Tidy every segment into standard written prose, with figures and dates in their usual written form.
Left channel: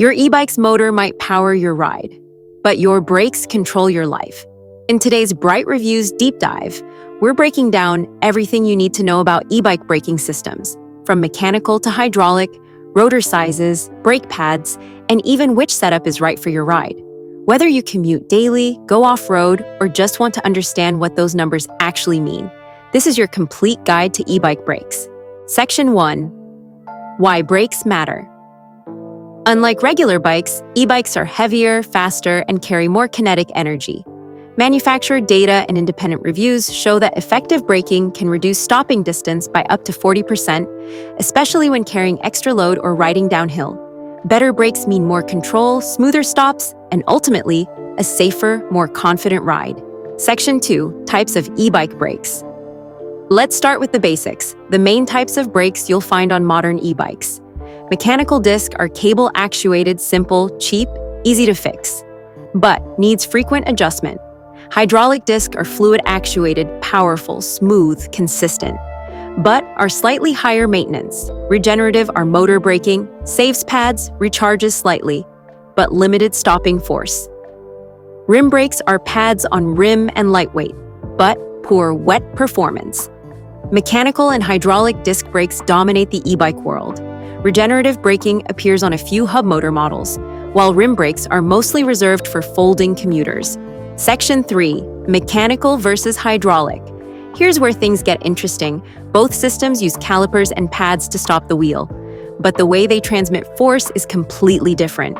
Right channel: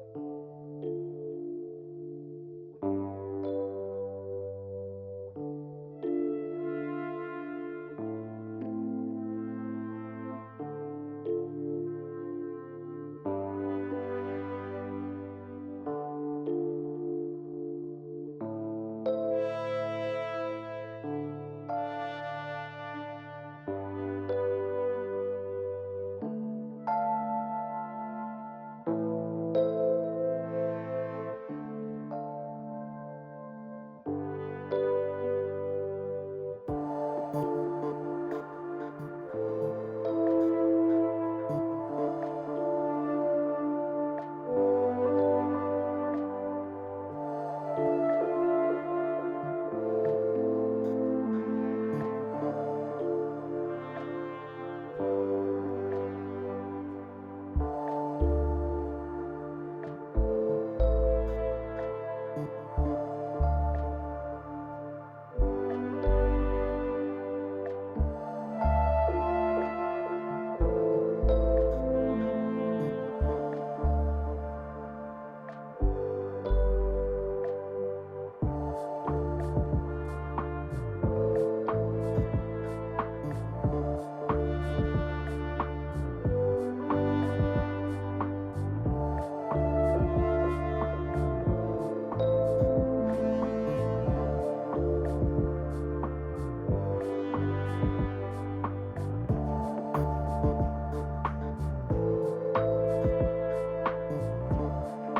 Your e-bike's motor might power your ride, but your brakes control your life. In today's BrightReviewz deep dive, we're breaking down everything you need to know about e-bike braking systems, from mechanical to hydraulic, rotor sizes, brake pads, and even which setup is right for your ride. Whether you commute daily, go off-road, or just want to understand what those numbers actually mean, this is your complete guide to e-bike brakes. Section 1. Why brakes matter. Unlike regular bikes, e-bikes are heavier, faster, and carry more kinetic energy. Manufacturer data and independent reviews show that effective braking can reduce stopping distance by up to 40%, especially when carrying extra load or riding downhill. Better brakes mean more control, smoother stops, and ultimately, a safer, more confident ride. Section 2. Types of e-bike brakes. Let's start with the basics, the main types of brakes you'll find on modern e-bikes. Mechanical discs are cable-actuated, simple, cheap, easy to fix, but needs frequent adjustment. Hydraulic discs are fluid-actuated, powerful, smooth, consistent, but are slightly higher maintenance. Regenerative are motor braking, saves pads, recharges slightly, but limited stopping force. Rim brakes are pads on rim and lightweight, but poor wet performance. Mechanical and hydraulic disc brakes dominate the e-bike world. Regenerative braking appears on a few hub motor models, while rim brakes are mostly reserved for folding commuters. Section 3. Mechanical versus hydraulic. Here's where things get interesting. Both systems use calipers and pads to stop the wheel, but the way they transmit force is completely different.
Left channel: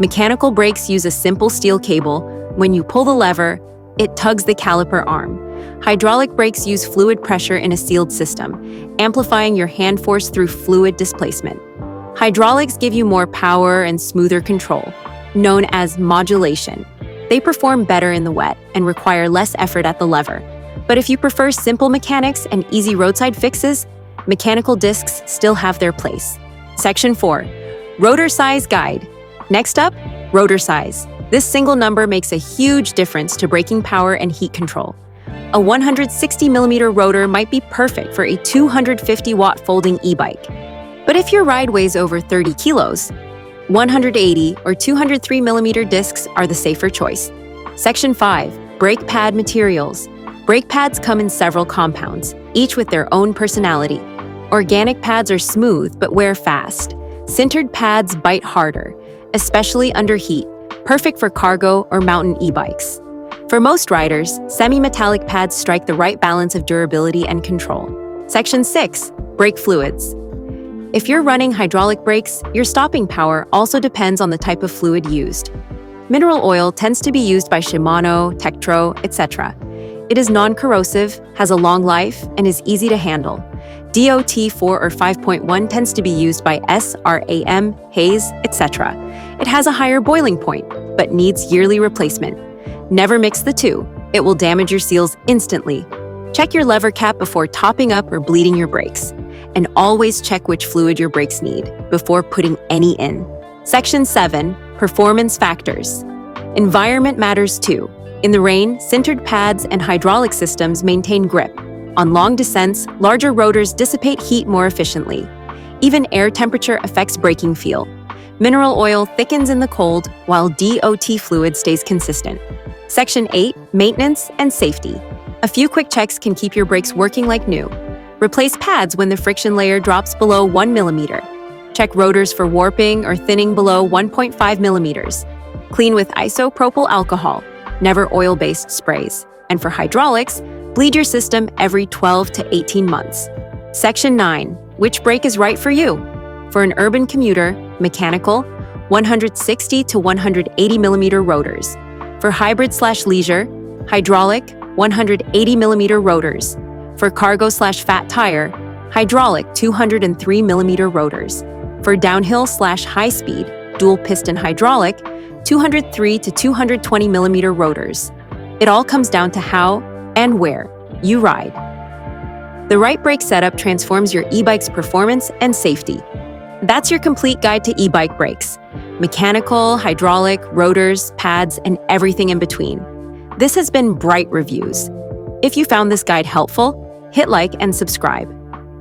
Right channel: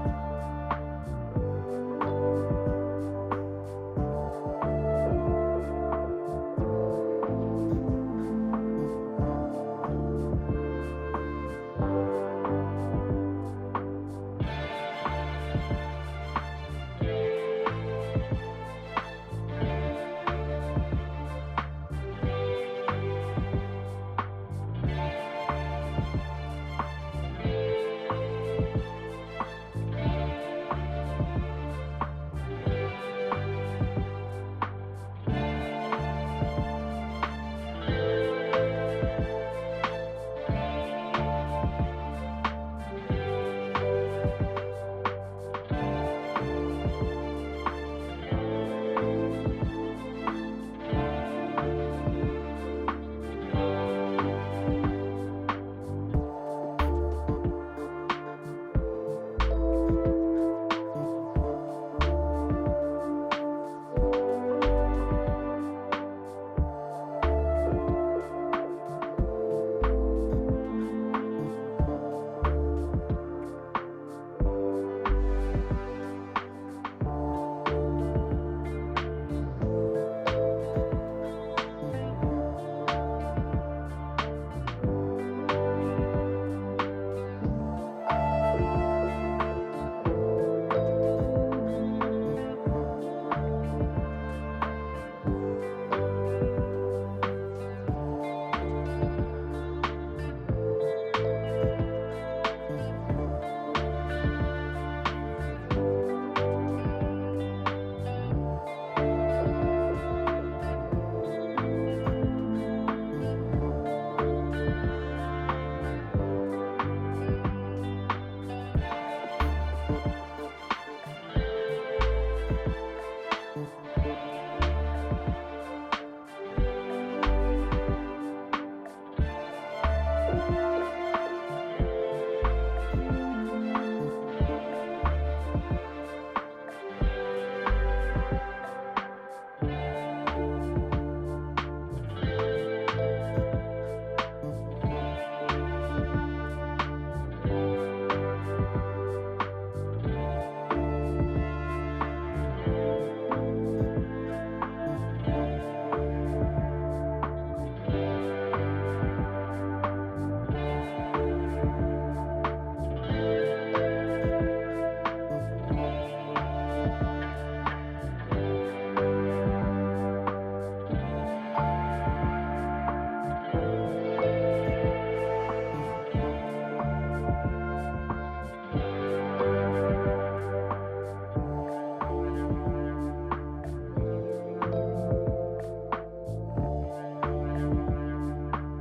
Mechanical brakes use a simple steel cable. When you pull the lever, it tugs the caliper arm. Hydraulic brakes use fluid pressure in a sealed system, amplifying your hand force through fluid displacement. Hydraulics give you more power and smoother control, known as modulation. They perform better in the wet and require less effort at the lever. But if you prefer simple mechanics and easy roadside fixes, mechanical discs still have their place. Section 4. Rotor size guide. Next up, rotor size. This single number makes a huge difference to braking power and heat control. A 160mm rotor might be perfect for a 250-watt folding e-bike. But if your ride weighs over 30 kilos, 180 or 203mm discs are the safer choice. Section 5. Brake pad materials. Brake pads come in several compounds, each with their own personality. Organic pads are smooth but wear fast. Sintered pads bite harder, especially under heat, perfect for cargo or mountain e-bikes. For most riders, semi-metallic pads strike the right balance of durability and control. Section 6. Brake fluids. If you're running hydraulic brakes, your stopping power also depends on the type of fluid used. Mineral oil tends to be used by Shimano, Tektro, etc. It is non-corrosive, has a long life, and is easy to handle. DOT 4 or 5.1 tends to be used by SRAM, Hayes, etc. It has a higher boiling point, but needs yearly replacement. Never mix the two. It will damage your seals instantly. Check your lever cap before topping up or bleeding your brakes. And always check which fluid your brakes need before putting any in. Section 7. Performance factors. Environment matters too. In the rain, sintered pads and hydraulic systems maintain grip. On long descents, larger rotors dissipate heat more efficiently. Even air temperature affects braking feel. Mineral oil thickens in the cold, while DOT fluid stays consistent. Section 8. Maintenance and safety. A few quick checks can keep your brakes working like new. Replace pads when the friction layer drops below 1mm. Check rotors for warping or thinning below 1.5mm. Clean with isopropyl alcohol, never oil-based sprays. And for hydraulics, bleed your system every 12 to 18 months. Section 9. Which brake is right for you? For an urban commuter, mechanical, 160 to 180mm rotors. For hybrid/leisure, hydraulic, 180mm rotors. For cargo/fat tire, hydraulic 203mm rotors. For downhill/high speed, dual piston hydraulic, 203 to 220mm rotors. It all comes down to how and where you ride. The right brake setup transforms your e-bike's performance and safety. That's your complete guide to e-bike brakes. Mechanical, hydraulic, rotors, pads, and everything in between. This has been BrightReviewz. If you found this guide helpful, hit like and subscribe.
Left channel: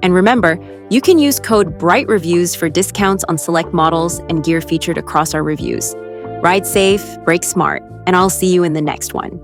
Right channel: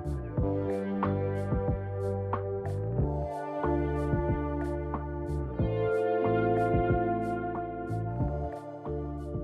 And remember, you can use code BrightReviewz for discounts on select models and gear featured across our reviews. Ride safe, brake smart, and I'll see you in the next one.